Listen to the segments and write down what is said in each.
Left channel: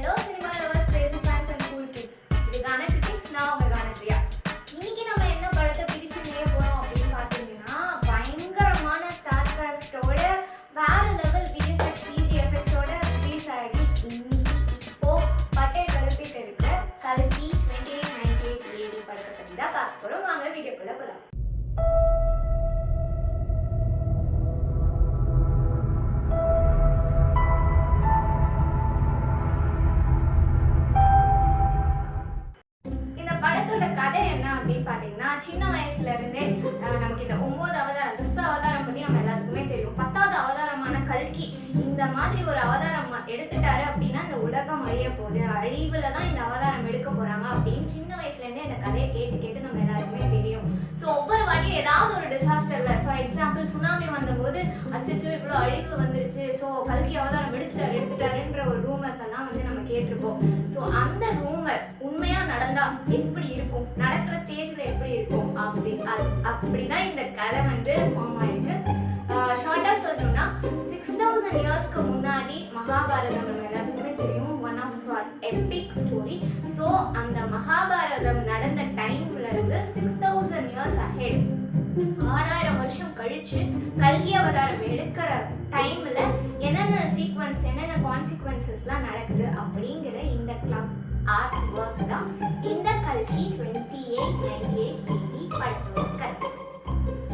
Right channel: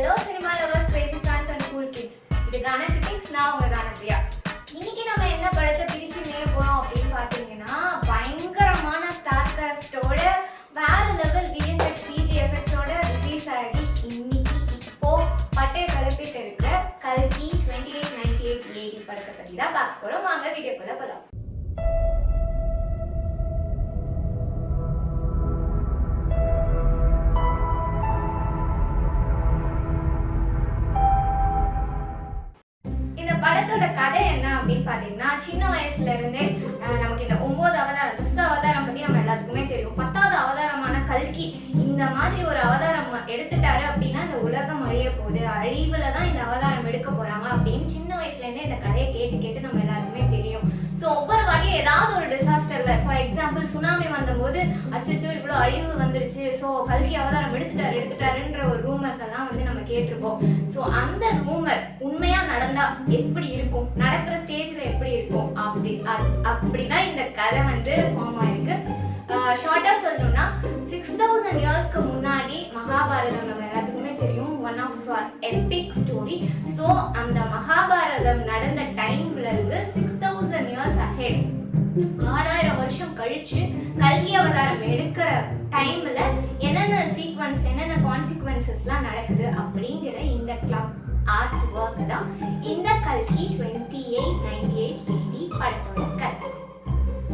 Hello cinema lovers, crazy fans and cool kids. இது கான critics, நான் உங்க கானப்பிரியா. இன்னைக்கு நம்ம என்ன படத்தை பிரிச்சு மேய போறோம் அப்படின்னு பாத்தீங்கன்னா, பயங்கரமான ஸ்டார் காஸ்டோட வேற லெவல் விஎஃப்எக்ஸ் சிஜிஎஃப்எக்ஸோட ரிலீஸ் ஆகி இன்னைக்கு இப்போ பட்டைய கிளப்பிட்டு இருக்க கல்கி 2898 AD படத்தை பத்தி தான் பார்க்க போறோம். வாங்க வீடியோக்குள்ள போலாம். படத்தோட கதை என்ன அப்படின்னு பாத்தீங்கன்னா, சின்ன வயசுல இருந்தே நமக்கு இந்த 9 அவதாரம் 10 அவதாரம் பத்தி நம்ம எல்லாத்துக்குமே தெரியும். 10வது அவதாரமான கல்கி இந்த மாதிரி ஒரு அவதாரம் எடுத்துட்டாரு அப்படின்னா இந்த உலகம் அழிய போகுது, அழிவுல தான் இந்த அவதாரம் எடுக்க போறாங்க அப்படின்னு சின்ன வயசுல இருந்தே இந்த கதையை கேட்டு கேட்டு நம்ம எல்லாருக்குமே தெரியும். ஸோ ஒவ்வொரு வாட்டியும் ஏதாவது ஒரு டிசாஸ்டர்ல, ஃபார் எக்ஸாம்பிள் சுனாமி வந்தபோது அச்சோ இவ்வளோ அழிவு வந்துருச்சு, ஸோ கல்கி அவதாரம் எடுத்துட்டாருன்ற ஒரு ரூமர்ஸ் எல்லாம் வந்து நம்ம கேட்டிருப்போம். ஸோ அந்த ரூமர் உண்மையா நடந்தா எப்படி இருக்கும், நடக்கிற ஸ்டேஜ்ல எப்படி இருக்கும் அப்படிதான் இந்த கதை வந்து ஃபார்ம் ஆயிருக்கு. ஷார்ட்டா சொல்லணும்னா 6000 இயர்ஸ்க்கு முன்னாடி மகாபாரதம் நம்ம எல்லாத்துக்குமே தெரியும், one of epic story. So அந்த மகாபாரதம் நடந்த டைம்ல இருந்து 6000 இயர்ஸ் அஹெட், 6000 வருஷம் கழிச்சு கல்கி அவதாரம் எடுக்கிற டைம்ல என்னென்ன சீக்வன்ஸ் என்னென்ன கான்சிக்வன்சஸ்லாம் நடக்குது அப்படிங்கிற இந்த கிளப் ஆர்ட் ஒர்க் தான் இந்த கல்கி 2898 AD படத்தோட கதை.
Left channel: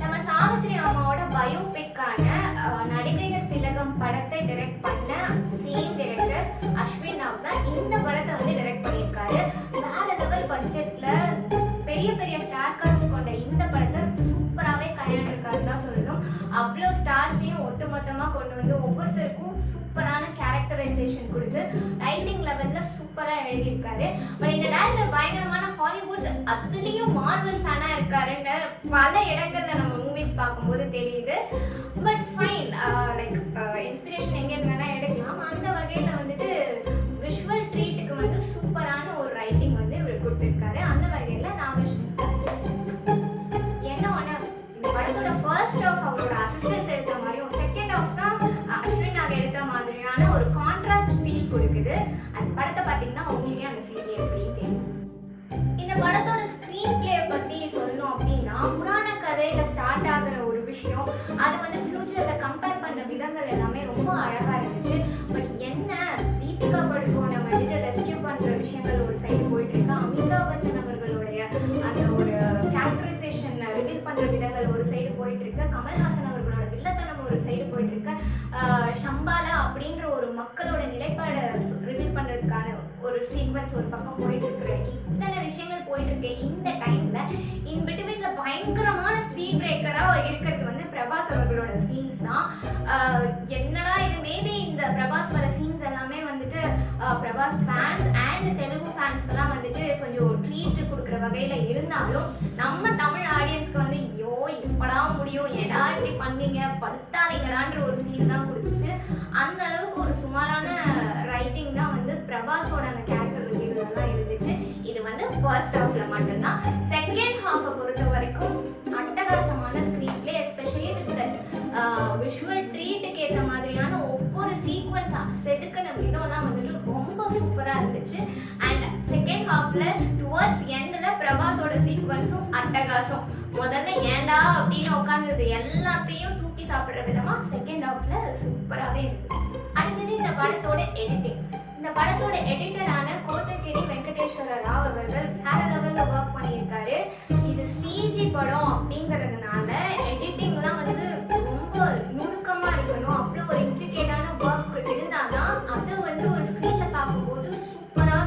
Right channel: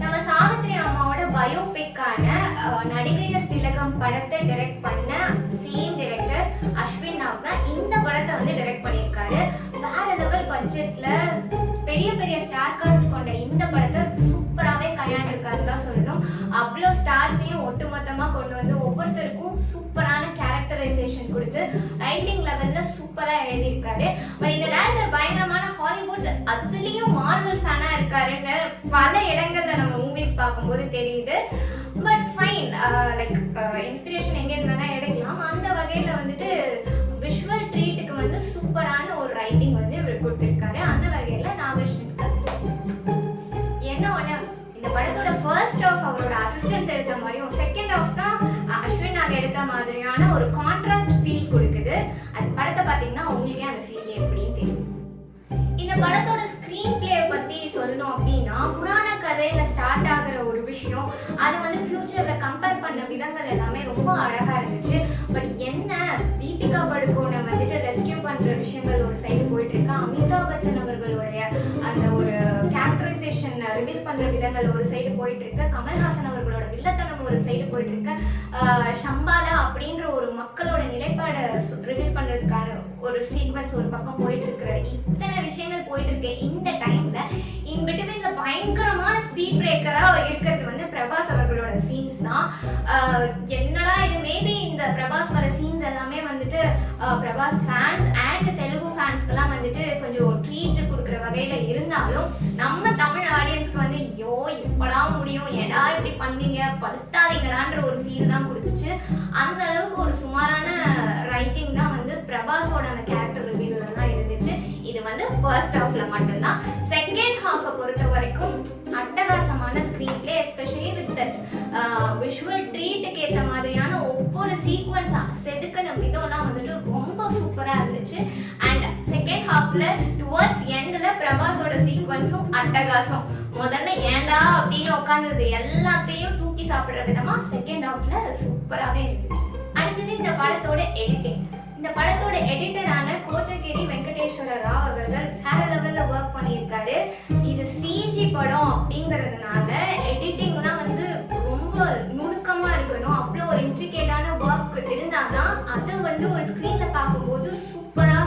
நம்ம சாவித்ரி அம்மாவோட பயோபிக்கான நடிகையர் திலகம் படத்தை டைரக்ட் பண்ண சேம் டைரக்டர் அஸ்வின் நாக் தான் இந்த படத்தை வந்து டைரக்ட் பண்ணியிருக்காரு. வேற லெவல் பட்ஜெட்ல பெரிய பெரிய ஸ்டார் காஸ்ட் கொண்ட இந்த படத்தை சூப்பராகவே கையாண்டிருக்காருன்னு தான் சொல்லணும். அவ்வளோ ஸ்டார்ஸையும் ஒட்டுமொத்தமாக கொண்டு வந்து ஒவ்வொருத்தருக்கும் சூப்பரான கேரக்டரைசேஷன் கொடுத்து ரைட்டிங் லெவல்ல சூப்பராக எழுதியிருக்காரு. பட் இந்த டேரக்டர் பயங்கரமான ஹாலிவுட் அதுலேயும் மார்வல் ஃபேனா இருக்காருன்னு பல இடங்கள்ல நம்ம மூவிஸ் பார்க்கும்போது தெரியுது. பட் ஃபைன், லைக் இன்ஸ்பிரேஷன் எங்கேருந்து வேணா எடுக்கலாம். அந்த வகையில வந்துட்டு விஷுவல் ட்ரீட்டுக்கு வந்து சூப்பரான ஒரு ரைட்டிங் வந்து இவர் கொடுத்துருக்காரு. அந்த வகையில நாகேஷ்வனுக்கு என்ன ஒன்று, இந்த படத்தோட ஃபர்ஸ்ட் ஆஃப் அவரோட அசிஸ்டன்ஸ் எடுத்த மாதிரியும் செகண்ட் ஆஃப் தான் அஸ்வின் நாக் எடுத்த மாதிரியான ஒரு கான்ட்ராஸ்ட் ஃபீல் கொடுக்குது. அந்த படத்தை பார்த்தீங்கன்னா உங்களுக்கே அந்த ஃபீல் எப்படின்னு தெரியும். இந்த படத்தோட ஸ்க்ரீன் பிளே பற்றி சொல்லணும் அப்படின்னா, புராண கதையில ஸ்டார்ட் ஆகிற ஒரு விஷயம் அது வந்து ஃபியூச்சர்ல கம்பேர் பண்ண விதங்கள் எல்லாமே ரொம்ப அழகா இருந்துச்சு. பட் என்ன, தீபிகா படுகோனை வந்துட்டு ரெஸ்கியூ பண்ற விஷயங்கள் ஒரு சைடு போயிட்டு இருக்கு, அமிதாப் பச்சன் அவர்களுடைய அந்த ஒரு கேரக்டரைசேஷன் ரிவீல் பண்ற விதங்கள் ஒரு சைடு போயிட்டு இருக்கு, கமல்ஹாசன் அவர்களோட வில்லத்தனம் ஒரு சைடு போயிட்டு இருக்கு, ஷம்பாலா அப்படின்ற ஒரு மக்களோட நிலைப்பாடை ரிவீல் பண்றதுக்கான ஒரு சீக்வன்ஸ் ஒரு பக்கம் போயிட்டு இருக்கிற இத்தனை விஷயங்கள் போயிட்டு இருக்கு. இந்த டைம்ல இன் பிட்வீன்ல பயங்கரமான ஸ்பீட் பிரேக்கரா இருக்கிறது வந்து பிரபாஸ் அவர்களோட சீன்ஸ் தான். என்னடா இது, மேபி இந்த பிரபாஸ் வர சீன்ஸ் எல்லாமே வந்துட்டு பிரபாஸ் ஃபேன்ஸ் அண்ட் தெலுங்கு ஃபேன்ஸ்க்கெல்லாம் வந்துட்டு கொஞ்சம் ட்ரீட் கொடுக்குற வகையில இருந்தாலும் நம்ம தமிழ் ஆடியன்ஸ்க்கு வந்து ஐயோ எப்படா முடியும், ஏடா இப்படி பண்ணீங்க படுத்தாதீங்கடான்ற ஒரு ஃபீல் தான் கொடுத்துச்சு. அந்த அளவுக்கு ஒரு சுமாரான ரைட்டிங் தான் வந்து பிரபாஸோட அந்த கேரக்டர் ரிவ்யூல தான் இருந்துச்சு. இது வந்து ஃபர்ஸ்ட் ஹாஃப்ல மட்டும்தான். செகண்ட் ஹாஃபை பொறுத்த வரைக்கும் அட்டகாசமான screenplay, especially with that visual ட்ரீட்டுக்கு ஏற்ற மாதிரியான ஒவ்வொரு சீக்வன்ஸ் செதுக்கின விதம்லாம் வந்துட்டு ரொம்ப சூப்பராக இருந்துச்சு. அண்ட் செகண்ட் ஹாஃப்ல டுவர்ட்ஸ் எண்ட்ல பிரபாஸோட சீக்வன்ஸும் அட்டகாசம். முதல்ல ஏண்டா அப்படின்னு உட்காந்தது எல்லாத்தையும் தூக்கி சாப்பிட்ற விதமா செகண்ட் ஹாஃப்ல சூப்பராகவே இருந்துச்சு. அடுத்தது இந்த படத்தோட எடிட்டிங். இந்த படத்தோட எடிட்டரான கோத்தகிரி வெங்கடேஸ்வர ராவ் அவர்கள் வேற லெவல்ல ஒர்க் பண்ணியிருக்காரு. இது சிஜி படம் அப்படிங்கிறதுனால எடிட்டிங்லாம் வந்து ரொம்ப நுணுக்கமா இருக்கணும், அவ்வளோ ஒரு இன்ட்ரிகேட்டான ஒர்க் இருந்தாதான் அது வந்து ஒரு ஸ்க்ரீன்ல பார்க்கும்போது சூப்பரா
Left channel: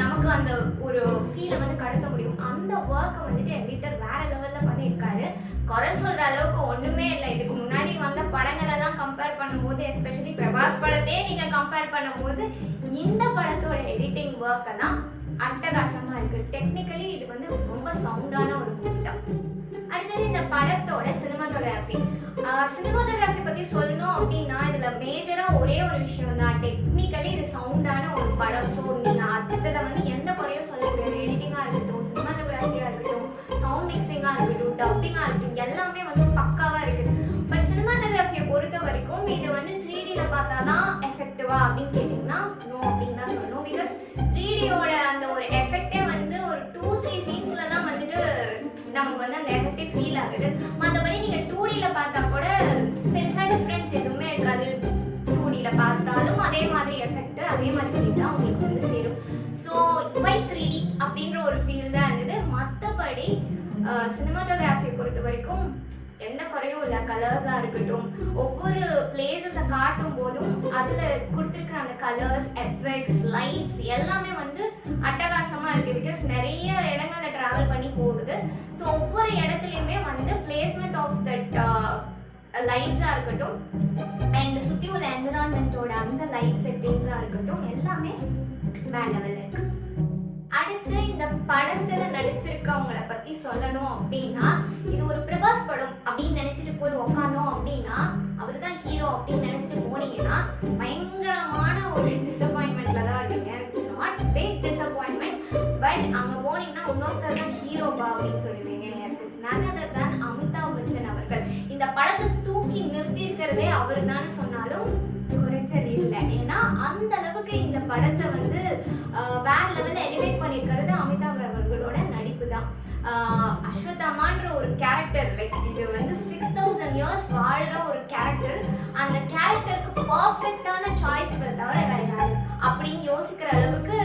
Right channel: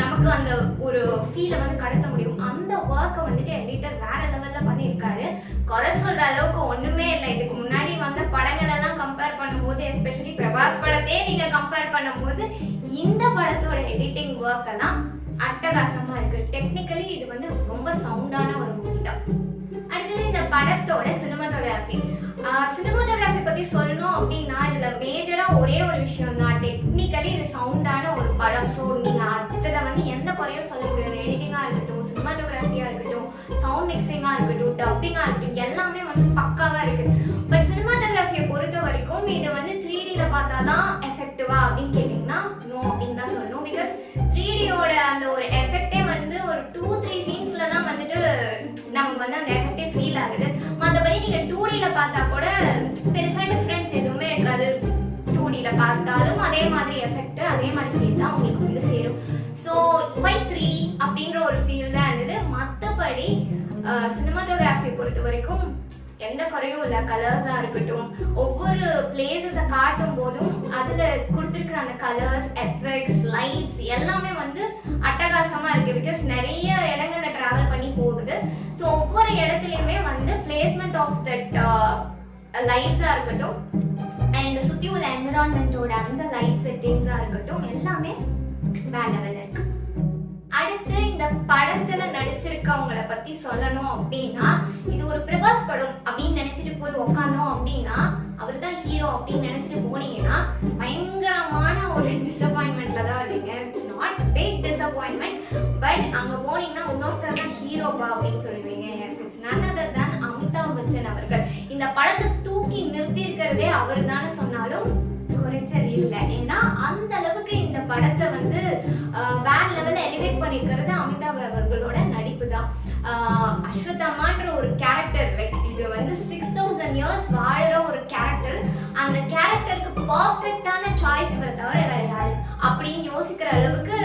நமக்கு அந்த ஒரு ஃபீலை வந்து கடத்த முடியும். அந்த ஒர்க்கை வந்துட்டு எடிட்டர் வேற லெவல்ல பண்ணியிருக்காரு. குறை சொல்ற அளவுக்கு ஒண்ணுமே இல்லை. இதுக்கு முன்னாடி வந்த படங்கள் எல்லாம் கம்பேர் பண்ணும்போது, எஸ்பெஷலி பிரபாஸ் படத்தையே நீங்க கம்பேர் பண்ணும்போது இந்த படத்தோட எடிட்டிங் ஒர்க் எல்லாம் அட்டகாசமா இருக்கு. டெக்னிக்கலி இது வந்து ரொம்ப சவுண்டான ஒரு மூவி தான். அடுத்தது இந்த படத்தோட சினிமாட்டோகிராஃபி. சினிமாட்டோகிராஃபி பத்தி சொல்லணும் அப்படின்னா இதுல மேஜரா ஒரே ஒரு விஷயம் தான், டெக்னிக்கலி இது சவுண்டான ஒரு படம். ஸோ நீங்க அதுல வந்து எந்த குறையும் சொல்ல முடியாது. எடிட்டிங்கா இருக்கட்டும், சினிமாட்டோகிராஃபியா இருக்கட்டும், சவுண்ட் மிக்சிங்கா இருக்கட்டும், டப்பிங்கா இருக்கட்டும், எல்லாமே வந்து பக்காவா இருக்கு. பட் சினிமாட்டோகிராஃபியை பொறுத்த வரைக்கும் இது வந்து 3Dல பார்த்தாதான் எஃபெக்டிவா அப்படின்னு கேட்டீங்கன்னா நோ அப்படின்னு தான் சொல்லணும். மாதிரி எஃபெக்ட் அதே மாதிரி ஃபீல் தான் உங்களுக்கு வந்து சேரும். ஸோ வை 3D அப்படின்ற ஒரு ஃபீல் தான் இருந்தது. மற்றபடி சினிமாட்டோகிராஃபி பொறுத்த வரைக்கும் எந்த குறையும் இல்லை. கலர்ஸாக இருக்கட்டும், ஒவ்வொரு பிளேசஸை காட்டும் போதும் அதில் கொடுத்துருக்குற அந்த கலர்ஸ், எஃபெக்ட்ஸ், லைட்ஸ் எல்லாமே வந்து அட்டகாசமாக இருக்குது. பிகாஸ் நிறைய இடங்களில் ட்ராவல் பண்ணி போகுது. ஸோ ஒவ்வொரு இடத்துலையுமே வந்து பிளேஸ்மெண்ட் ஆஃப் தட் லைட்ஸாக இருக்கட்டும் அண்ட் சுற்றி உள்ள என்விரான்மெண்ட்டோட அந்த லைட் செட்டிங்ஸாக இருக்கட்டும் எல்லாமே வேற லெவலில் இருக்குது. அடுத்து இந்த படத்துல நடிச்சிருக்கவங்கள பத்தி சொல்லணும் அப்படின்னா, இது ஒரு பிரபாஸ் படம் அப்படின்னு நினைச்சிட்டு போய் உக்காந்தோம் அப்படின்னா, அவர் தான் ஹீரோ அப்படின்னு நினைச்சிட்டு போனீங்கன்னா பயங்கரமான ஒரு டிசப்பாயின்மெண்ட்ல தான் இருப்பீங்க. It's not big disappointment, but அங்க போனீங்கன்னா இன்னொருத்தர் தான் ஹீரோப்பா அப்படின்னு சொல்லுவீங்க. இட்ஸ் நன் அதர் தான் அமிதாப் பச்சன் அவர்கள். இந்த படத்தை தூக்கி நிறுத்தி இருக்கிறதே அவர் தானே சொன்னாலும் குறைச்சல் இல்லை. ஏன்னா அந்த அளவுக்கு இந்த படத்தை வந்து வேற லெவலில் எலிவேட் பண்ணியிருக்கிறது அமிதாப் அவர்களோட நடிப்பு தான். அஸ்வத்தாமான்ற ஒரு கேரக்டர், லைக் இது வந்து 6000 years வாழ்கிற ஒரு கேரக்டர். அந்த கேரக்டருக்கு பர்ஃபெக்டான சாய்ஸ் இவரை தவிர வேற யாரு அப்படின்னு யோசிக்கிற அளவுக்கு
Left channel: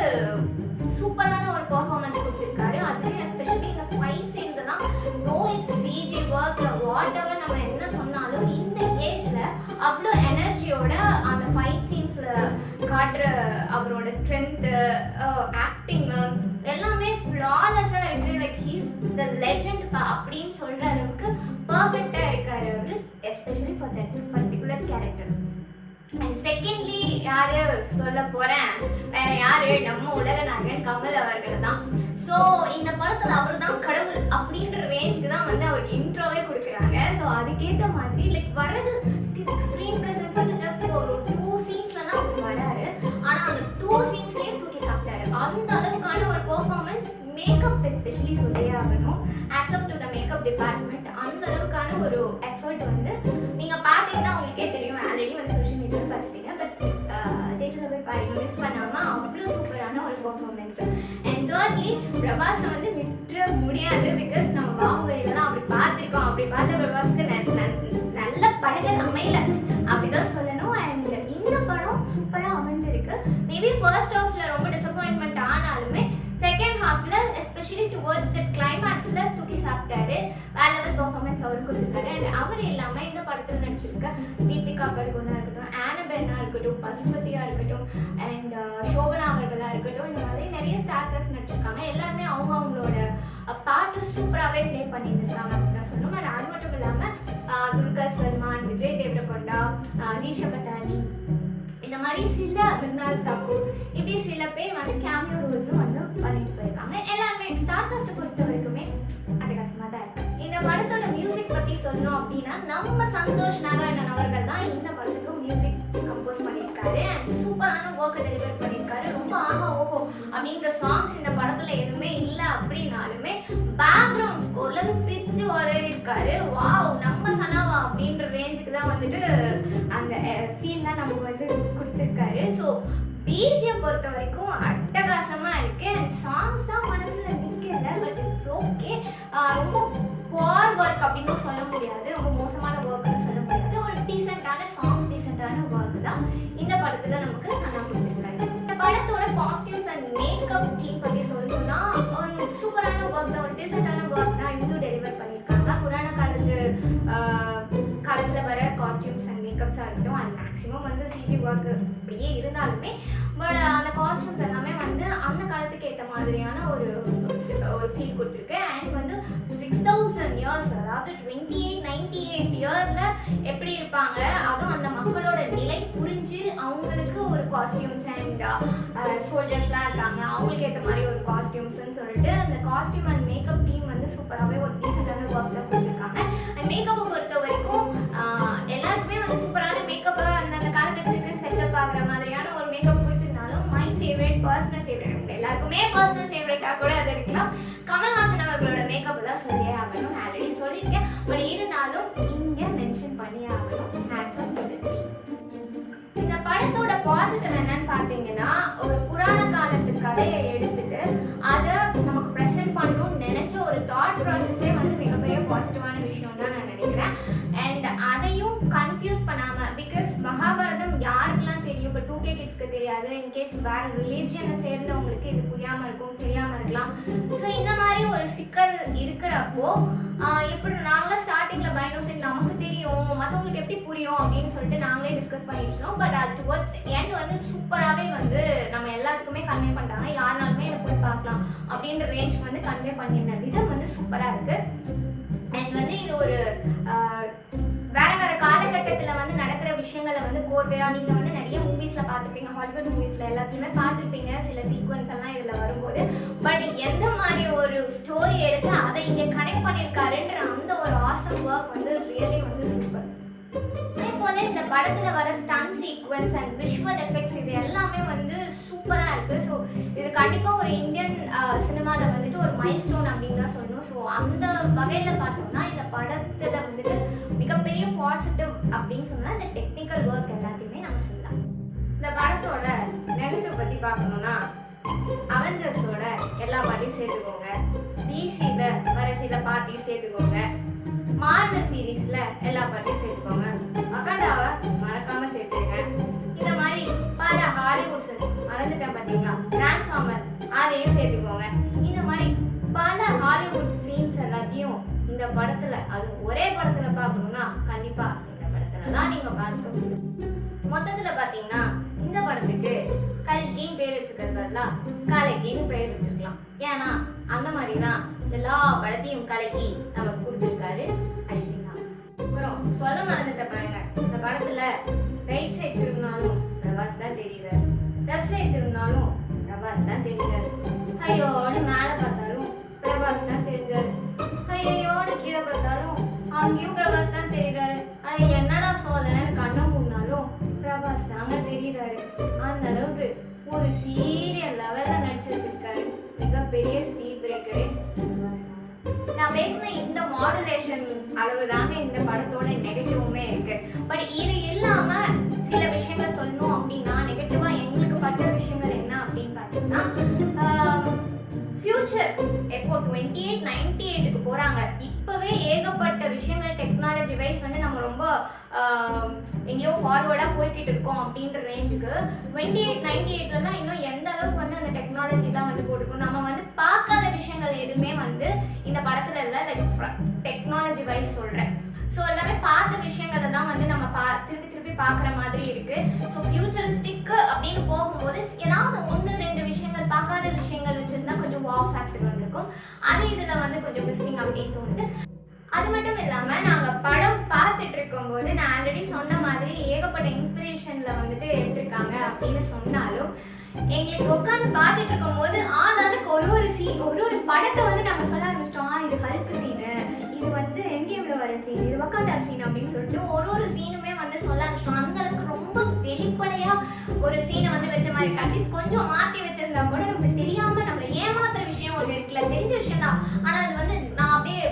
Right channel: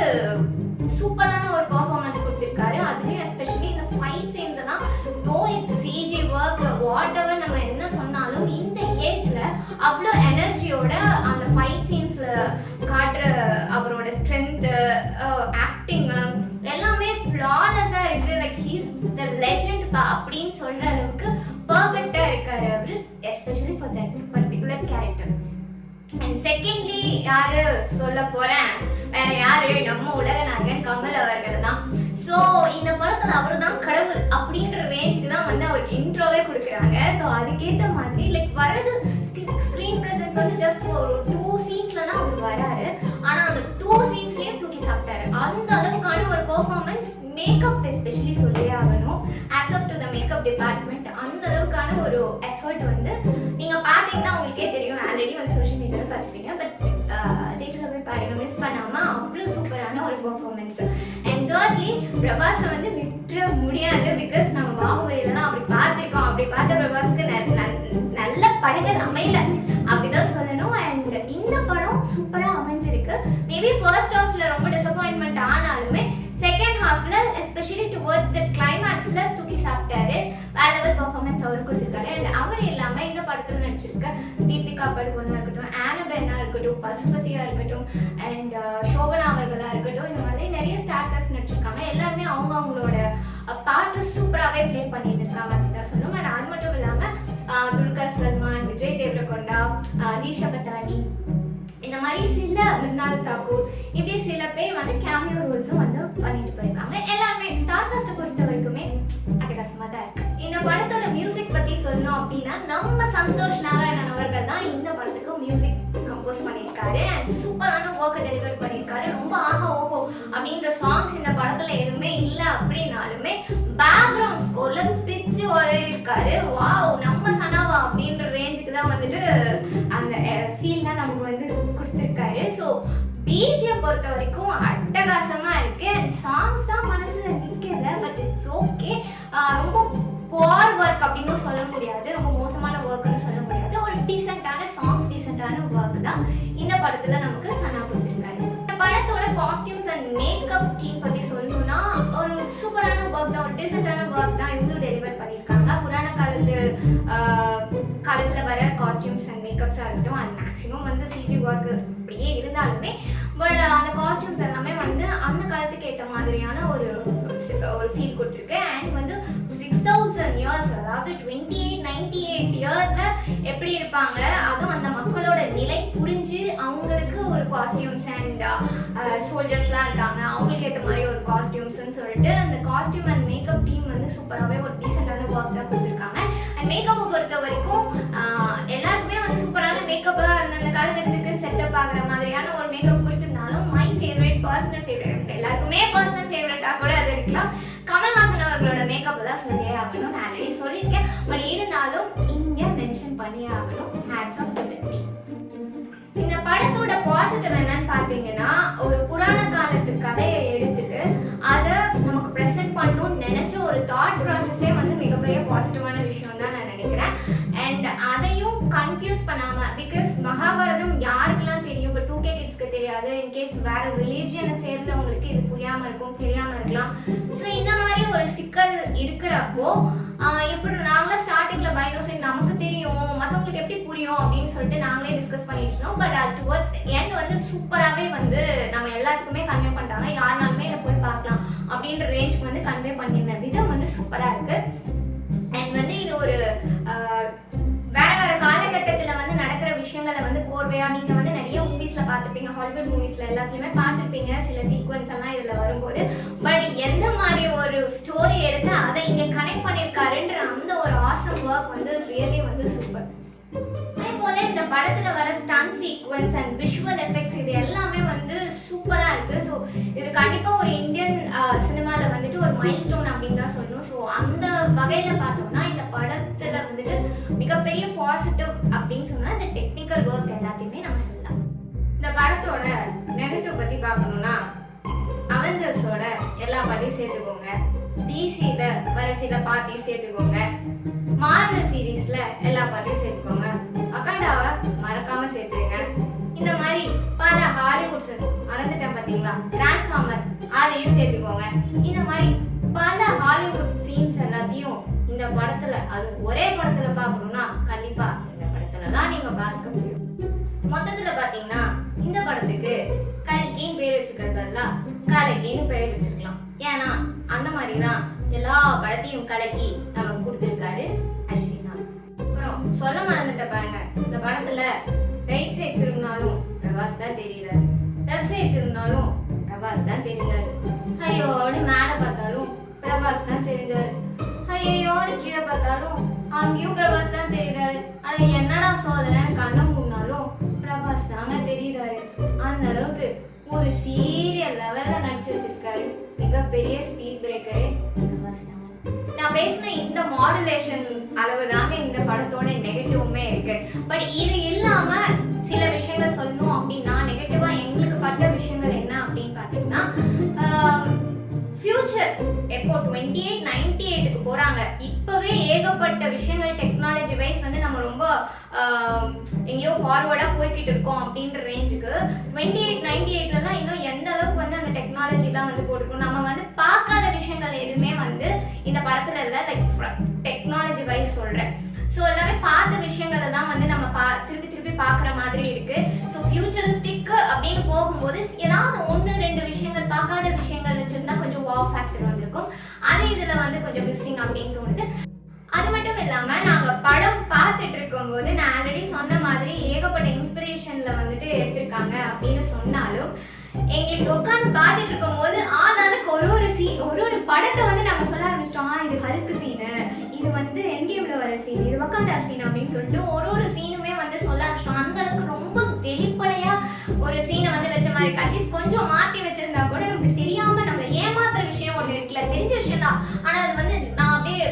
சூப்பரான ஒரு பெர்ஃபார்மன்ஸ் கொடுத்துருக்காரு. அதுலேயும் எஸ்பெஷலி இந்த ஃபைட் சீன்ஸ் எல்லாம் though it's CG work whatever நம்ம என்ன சொன்னாலும் இந்த ஏஜ்ல அவ்வளோ எனர்ஜியோட அந்த ஃபைட் சீன்ஸ்ல காட்டுற அவரோட ஸ்ட்ரென்த்து, ஆக்டிங் எல்லாமே ஃப்ளாலஸா இருக்கு. லைக் ஹீஸ் த லெஜெண்ட் அப்படின்னு சொல்ற அளவுக்கு பர்ஃபெக்டா இருக்காரு அவரு, especially for that particular character. And secondly யாரு சொல்ல போறேன், வேற யாரு, நம்ம உலக நாயகன் கமல் அவர்கள் தான். ஸோ இந்த படத்துல அவர் தான் கடவுள் அப்படின்ற ரேஞ்சுக்கு தான் வந்து அவருக்கு இன்ட்ரோவே கொடுக்குறாங்க. ஸோ அதுக்கேற்ற மாதிரி லைக் வர்றது ஸ்க்ரீன் ப்ரெசன்ஸ் வந்து ஜஸ்ட் ஒரு 2 சீன்ஸ்ல தான் அவர் வராரு. ஆனா அந்த 2 சீன்ஸ்லயும் தூக்கி சாப்பிட்டாரு. அந்த அளவுக்கான ஒரு பெர்ஃபார்மன்ஸ், மேக்கப் எஸ்பெஷலி சொல்லியே ஆகணும். Hats off to the makeup department. அந்த அளவுக்கான ஒரு எஃபர்ட் வந்து நீங்க பார்த்தீங்கன்னா உங்களுக்கே தெரியும். ஆல்ரெடி வந்து சோஷியல் மீடியாவில் பார்த்துப்பீங்க, பட் தேட்டரில் போய் பாருங்க, மிஸ் பண்ணாம அவ்வளோ சூப்பரான ஒரு பெர்ஃபார்மன்ஸ். அண்ட் தேர்ட்லி பிரபாஸை வந்து விட்டுற முடியாது. பிகாஸ் நம்ம பாகுபலியிலலாம் அப்படி பார்த்துருக்கோம். அப்படி பார்த்த பிரபாஸ்க்கு நல்ல படங்கள் அமையல அப்படிதான் சொல்லணும். அண்ட் இந்த படம் சூப்பரா அமைஞ்சிருக்கு. மேபி ஃபர்ஸ்ட் ஹாஃப்ல ரொம்ப டிசப்பாயின்மெண்ட் ஆனாலுமே செகண்ட் ஹாஃப்ல எஸ்பெஷலி டுவர்ட்ஸ் த கிளைமேக்ஸ்ல தூக்கி சாப்பிட்டாரு. வேற லெவல் பெர்ஃபார்மன்ஸ் அவர் கொடுத்துருக்காரு. அண்ட் அவர் இல்லாம இந்த படத்துல நடிச்சிருக்க தீபிகா படுகோனா இருக்கட்டும், ஆனபென்னா இருக்கட்டும், பசுபதியா இருக்கட்டும், அண்ட் சோபனா அவர்களா இருக்கட்டும், இந்த மாதிரி நிறைய ஸ்டார்டர்ஸ் நடிச்சிருக்காங்க. எல்லாருமே அவங்களோட பார்ட்டு சூப்பராகவே ப்ளே பண்ணியிருக்காங்க அப்படின்னு சொல்லணும். அண்ட் அது மட்டும் இல்லாம துல்கர் சல்மான், விஜய் தேவரகொண்டா, ஈஷா பட்டானி, இந்த மாதிரி சில மிர்னால் தாக்கூர், இப்படி சில பேர் வந்து கேமியோ ரோல்ஸும் வந்து பண்ணிட்டு போயிருக்காங்க. எல்லாருமே ஸ்டார் காஸ்ட்டை பொறுத்த வரைக்குமே அட்டகாசமாக தான் இருக்கு. இந்த படத்தோட மியூசிக் பத்தி சொல்லணும் அப்படின்னா, நம்ம சந்தோஷ் நாராயணன் அவர்கள் தான் இந்த படத்துக்கு மியூசிக் கம்போஸ் பண்ணியிருக்காரு. அண்ட் சூப்பரான ஒர்க்கை டெலிவர் பண்ணியிருக்காரு. ரொம்ப ஆஹா ஓஹோ அப்படின்ற சாங்ஸ் இந்த படத்துல எதுவுமே இல்லை அப்படின்னாலுமே பேக்ரவுண்ட் ஸ்கோர்ல பிச்சு உதறியிருக்காரு. வாவ், நம்ம சனாவா அப்படின்ற ரேஞ்சுக்கு தான் வந்துட்டு அந்த ஃபீல்லாம் நமக்கு வந்து கொடுத்துருக்காரு. ஸோ பிஜிஎம் பொறுத்த வரைக்கும் அட்டகாசமா இருக்கு. அண்ட் சாங்ஸ் தான் மனசுல நிக்கல, பட் இட்ஸ் ஓகே. ரொம்ப புவர் ஒர்க் அப்படின்னு சொல்ல முடியாது, ரொம்ப மோசமான ஒர்க்னு சொல்ல முடியாது. ஒரு டீசென்டான சாங்ஸ், டீசென்டான ஒர்க் தான் இந்த படத்துல நமக்கு சனா கொடுத்துருக்காரு. இந்த படத்தோட காஸ்டியூம்ஸ் அண்ட் மேக்கப் டீம் பத்தி சொல்லணும்னா ஒரு சூப்பரான ஒர்க் தான், ஒரு டீசென்டான ஒர்க் தான் இவங்களும் டெலிவர் பண்ணியிருக்காங்க. புராண காலத்துல வர காஸ்டியூம்ஸ் அண்ட் மேக்கப்ஸா இருக்கட்டும், அது மேக்ஸிமம் வந்து சிஜி ஒர்க் அப்படியே இருந்தாலுமே பட் அந்த காஸ்டியூம்ஸ் எல்லாமே வந்து அந்த காலத்துக்கு ஏற்ற மாதிரியான ஒரு ஃபீல் கொடுத்துருக்கு. அண்ட் வந்து 6000 years, அதாவது 2898 இயர்ல எப்படி இருப்பாங்க, அதுவும் அந்த மக்களோட நிலை புரிஞ்சு அவங்களுக்கு ஒரு காஸ்டியூம்ஸ் அண்ட் சோல்ஜர்ஸ்லாம் இருக்காங்க, அவங்களுக்கு ஏற்ற மாதிரி ஒரு காஸ்டியூம்ஸ்ன்னு சொல்லிட்டு அந்த காஸ்டியூம் அண்ட் மேக்கப் டீம் வந்து சூப்பராகவே ஒரு டீசெண்டான ஒர்க் தான் கொடுத்துருக்காங்க. அண்ட் மேக்கப்பை பொறுத்த வரைக்கும் எல்லாருக்குமே வந்து சூப்பரான மேக்கப்பை அந்த காலகட்டத்துக்கு செட்டப் ஆகிற மாதிரியான ஒரு மேக்கப் கொடுத்துருந்தாலும் மை ஃபேவரட், பர்சனல் ஃபேவரட், எல்லாருக்குமே பர்சனல் ஃபேவரட்டாக கூட அது இருக்கலாம், கமல்ஹாசன் அவர்களோட மேக்கப் தான் சொல்லியே ஆகணும். நான் ஆல்ரெடி சொல்லியிருக்கேன், பட் இருந்தாலும் இங்கே மென்ஷன் பண்ணியே ஆகணும். Hats off to the team. இந்த படத்தோட பாசிட்டிவ் என்னன்னு பார்த்தீங்கன்னா, ஒரு புராண காலத்து கதையை எடுத்துட்டு அதை நமக்கு ப்ரெசென்ட் பண்ணணும்னு நினைச்ச ஒரு தாட் ப்ராசஸே வந்து மிகப்பெரிய பாசிட்டிவான விஷயம் தான் நான் நினைக்கிறேன். அண்ட் அதையும் கன்ஃபியூஸ் பண்ணாம, பிகாஸ் மகாபாரதம் யாருக்கெல்லாம் தெரியும், இப்போ 2K கிட்ஸ்க்கு தெரியாது, தெரியாது. இன்கேஸ் வேற ரிலீஜியனை சேர்ந்தவங்களுக்கு இது புரியாம இருக்கும், தெரியாம இருக்கலாம். ஸோ இந்த மாதிரி ஒரு சிக்கல் இருக்கிறப்போ எப்படி நாங்களே ஸ்டார்டிங்ல பயந்தோம், சரி நமக்கு தெரியும் மற்றவங்களுக்கு எப்படி புரியும் அப்படின்னு சொல்லிட்டு நாங்களே டிஸ்கஸ் பண்ணிட்டு பட் அது டுவர்ட்ஸ் எண்ட் வந்து சூப்பராகவே வந்து நம்ம எல்லாத்துக்குமே கன்வே பண்ணிட்டாங்க. யாருனாலுமே இதை போய் பார்க்கலாம் அப்படின்ற ரேஞ்சுக்கு வந்து கன்வே பண்ணிருந்த விதம் வந்து சூப்பராக இருக்கு. அண்ட் வந்து இது ஒரு வேற வேற காலகட்டத்தில் வந்து நடக்கிற விஷயங்களை வந்து கோர்வையா நீங்க வந்து நிறைய மூவிஸ்ல பார்த்துருப்பீங்க, ஹாலிவுட் மூவிஸ்ல எல்லாத்துலயுமே பார்த்துருப்பீங்க சில சீக்வன்ஸ் எல்லாம் இதுல வரும்போது. பட் எந்த மாதிரி ஒரு ஸ்டோரி எடுத்து அதை இங்க கனெக்ட் பண்ணியிருக்காருன்ற அந்த ஒரு ஆசம் ஒர்க் வந்து ரியலி வந்து சூப்பர். அதே போல இந்த படத்துல வர stunt sequence and visual effects இது எல்லாமே வந்து சூப்பரா இருக்கு. ஸோ இது கண்டிப்பா ஒரு இந்தியன் சினிமால வந்துட்டு ஒரு மைல் ஸ்டோன் அப்படின்னு தான் சொல்லணும். ஸோ அந்த வகையில பார்த்தோம்னா இந்த படத்துல வந்துட்டு மிகப்பெரிய பாசிட்டிவ் அப்படின்னு சொன்னா இந்த டெக்னிக்கல் ஒர்க் எல்லாத்தையுமே நம்ம சொல்லலாம். இந்த படத்தோட நெகட்டிவ் பத்தி பார்க்கணும்னா அவெஞ்சர்ஸோட எல்லா பாட்டையும் சேர்த்துக்கோங்க, டிசில வர சில பார்ட்டியும் சேர்த்துக்கோங்க, மார்வல் சீரீஸ்ல எல்லா பாட்டையும் சேர்த்துக்கோங்க, அகாண்டாவை மறக்காம சேர்த்துருங்க. இந்த மாதிரி பல ஹாலிவுட்ஸ் மறந்துட்டேன் பார்த்தீங்களா, டிரான்ஸ்ஃபார்மர் அதையும் சேர்த்துக்கோங்க. இந்த மாதிரி பல ஹாலிவுட் சீன்ஸ் எல்லாத்தையும் இந்த படத்துல அது ஒரே படத்துல பார்க்கணும்னா கண்டிப்பா இந்த படத்துல தான் நீங்க பார்க்க முடியும். மொத்தத்துல பாத்தீங்கன்னா இந்த படத்துக்கு கல்கின்னு பேர் வச்சுக்கிறது பதிலா கலக்கின்னு பேர் வச்சிருக்கலாம். ஏன்னா அந்த மாதிரிதான் எல்லா படத்தையும் கலக்கி நமக்கு கொடுத்துருக்காரு அஸ்வினாத். அப்புறம் சொல்ல மறந்துட்ட பாருங்க, இந்த படத்துல ரைட் சைட் திரும்பினாலும் பிரபாஸ் தான் தெரியுறாரு, லெஃப்ட் சைட் திரும்பினாலும் பிரபாஸ் தான் தெரிஞ்சாரு, ஐயோடு மேல பார்த்தாலும் பிரபாஸ் தான் தெரிஞ்சாரு, ஐயோடு கீழே பார்த்தாலும் அங்கேயும் பிரபாஸ் தான் தெரியுறாரு. ஆனா என்னடா சோதனை கண்ணை மூடினாலும் பிரபாஸ் தாங்க தெரியுறாரு. அந்த அளவுக்கு ஒரு சீரியல் லெவல்ல நடிச்சு வச்சிருக்காரு. மிகப்பெரிய ஸ்பீட் பிரேக்கரே பிரபாஸ் தாங்க. நான் பேசின இந்த மாடுலேஷன் அளவு தாங்க இந்த படத்தோட நெகட்டிவுமே இருக்கு. பட் இது இல்லாம சில விஷயங்கள் சொல்லணும் அப்படின்னா நெகட்டிவா எங்களுக்கு பட்ட விஷயங்கள் என்ன அப்படின்னு பாத்தீங்கன்னா ஃபியூச்சர் எப்போ 2898க்கு போறாங்க. இப்பவே ஏகப்பட்ட விஷயங்கள் டெக்னாலஜி வைஸ் வந்து நம்ம ரொம்ப எங்கேயோ ஃபார்வர்டா போய்கிட்டு இருக்கோம் அப்படின்ற ரேஞ்சுக்கு 2898லலாம் இன்னும் எந்த அளவுக்கு வந்து அந்த டெக்னாலஜிலாம் வந்து போட்டிருக்கோம். நம்ம வந்து பார்க்காத விஷயங்கள் எதுவுமே வந்து இந்த படத்துல இல்லை, லைக் டெக்னாலஜி வைஸ் சொல்றேன். ஸோ எல்லாமே பார்த்த விஷயங்களை தான் வந்து நம்ம திருப்பி திருப்பி பார்க்குற மாதிரி இருக்கு. ஸோ ஃபியூச்சரிஸ்டிக் அப்படின்னு போகும்போது ஏதாவது 1-2 விஷயங்கள் பார்க்காத விஷயங்கள் வச்சிருந்தா கொஞ்சம் வாவ் ஃபேக்டர் வந்திருக்கும். அது இதுல வந்து கொஞ்சம் மிஸ்ஸிங் அப்படின்னு தோணுது. அது மட்டும் இல்லாம நாங்க படம் பார்த்துட்டு இருக்கும் போது நான் ஆல்ரெடி சொன்ன மாதிரி ஏகப்பட்ட இன்ஸ்பிரேஷன்ல வந்துட்டு எடுத்திருக்காங்க அப்படின்னு சொன்னாலும் எங்களுக்கு உட்காந்து பார்த்துட்டு இருக்கும் போது ஆளாளுக்கு ஒரு படத்தை வந்து நாங்க சொல்ல ஆரம்பிச்சிட்டோம். இது ஹல்க் சீனு, இது வந்து என்கேம்ல வர சீன், இது வக்காண்டா சீன் அப்படின்னு சொல்லிட்டு ஒரு சீனுமே வந்து சொல்ல ஆரம்பிச்சிட்டோம். அந்த அளவுக்கு ரொம்ப வெளிப்படையா ஒரு சீனை வந்து வச்ச மாதிரி அட்லீஸ்ட் கொஞ்சம் மாற்றி வச்சிருந்தா கூட நமக்கு தெரியாம நம்மளை ஏமாத்துற விஷயம் ஒன்று இருக்குல்ல, தெரிஞ்ச விஷயம் தான், ஆனா அது வந்து நான் அப்படியே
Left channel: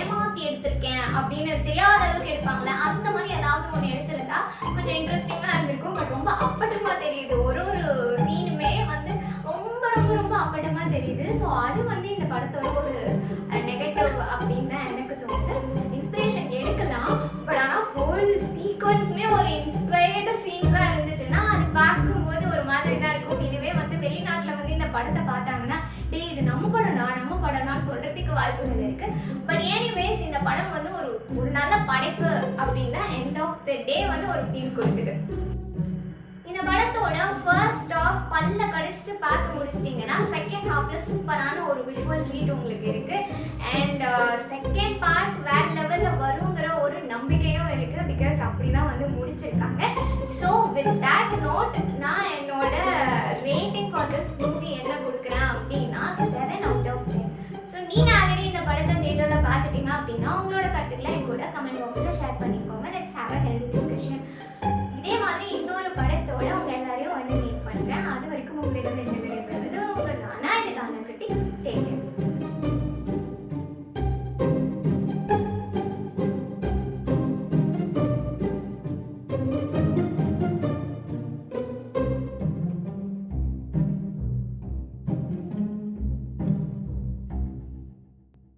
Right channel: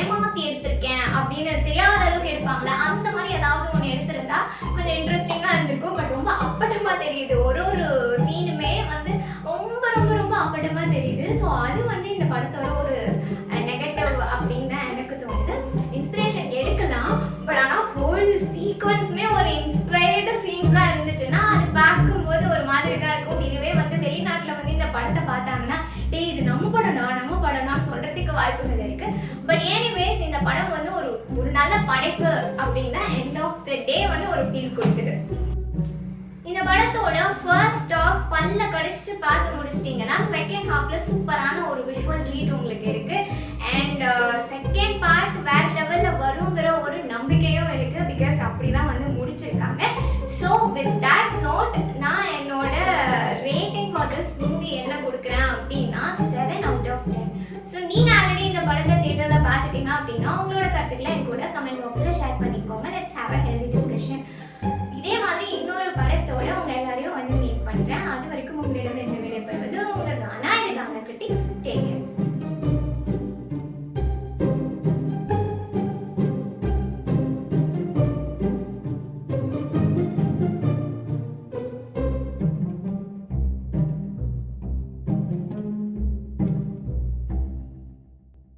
ஏமாத்தி எடுத்திருக்கேன் அப்படின்னு தெரியாத அளவுக்கு எடுப்பாங்களே, அந்த மாதிரி ஏதாவது ஒன்று எடுத்திருந்தா கொஞ்சம் இன்ட்ரெஸ்டிங்கா இருந்திருக்கும். பட் ரொம்ப அப்பட்டமா தெரியுது, ஒரு சீனுமே வந்து ரொம்ப ரொம்ப ரொம்ப அப்பட்டமா தெரியுது. ஸோ அது வந்து இந்த படத்தோட ஒரு நெகட்டிவ் அப்படின்னு தான் எனக்கு தோணுது. இன்ஸ்பிரேஷன் எடுக்கலாம், பட் ஆனால் ஹோல் சீக்வன்ஸுமே ஒரு இன்ஸ்பயர்டு சீன்ஸா இருந்துச்சுன்னா அது பார்க்கும்போது ஒரு மாதிரி தான் இருக்கும். இதுவே வந்து வெளிநாட்டில் வந்து இந்த படத்தை பார்த்தாங்கன்னா டேய் இது நம்ம படம்னா சொல்றதுக்கு வாய்ப்புகள் இருக்கு. பட் எனிவேஸ் இந்த படம் வந்து ஒரு நல்ல படைப்பு அப்படின்னு எண்ட் ஆஃப் த டே வந்து ஒரு ஃபீல் கொடுக்குது. இந்த படத்தோட ஃபர்ஸ்ட் ஆஃப் பல்ல கடிச்சிட்டு பார்த்து முடிச்சிட்டிங்கன்னா செகண்ட் ஹாஃப்ல சூப்பரான ஒரு விஷுவல் ட்ரீட் உங்களுக்கு இருக்கு. அண்ட் செகண்ட் பார்ட் வேற லெவல்ல வருங்கிற ஒரு நம்பிக்கையும் இருக்கு. பிகாஸ் அப்படிதான் வந்து முடிச்சிருக்காங்க. ஸோ வித் தட் நோட் நான் என்னோட ரேட்டிங் ஃபார் திஸ் மூவி என்ன கொடுக்குறேன் அப்படின்னா 7 out of 10. ஸோ நீங்க ஆல்ரெடி இந்த படத்தை தியேட்டர்ல பார்த்துட்டீங்க அப்படின்னா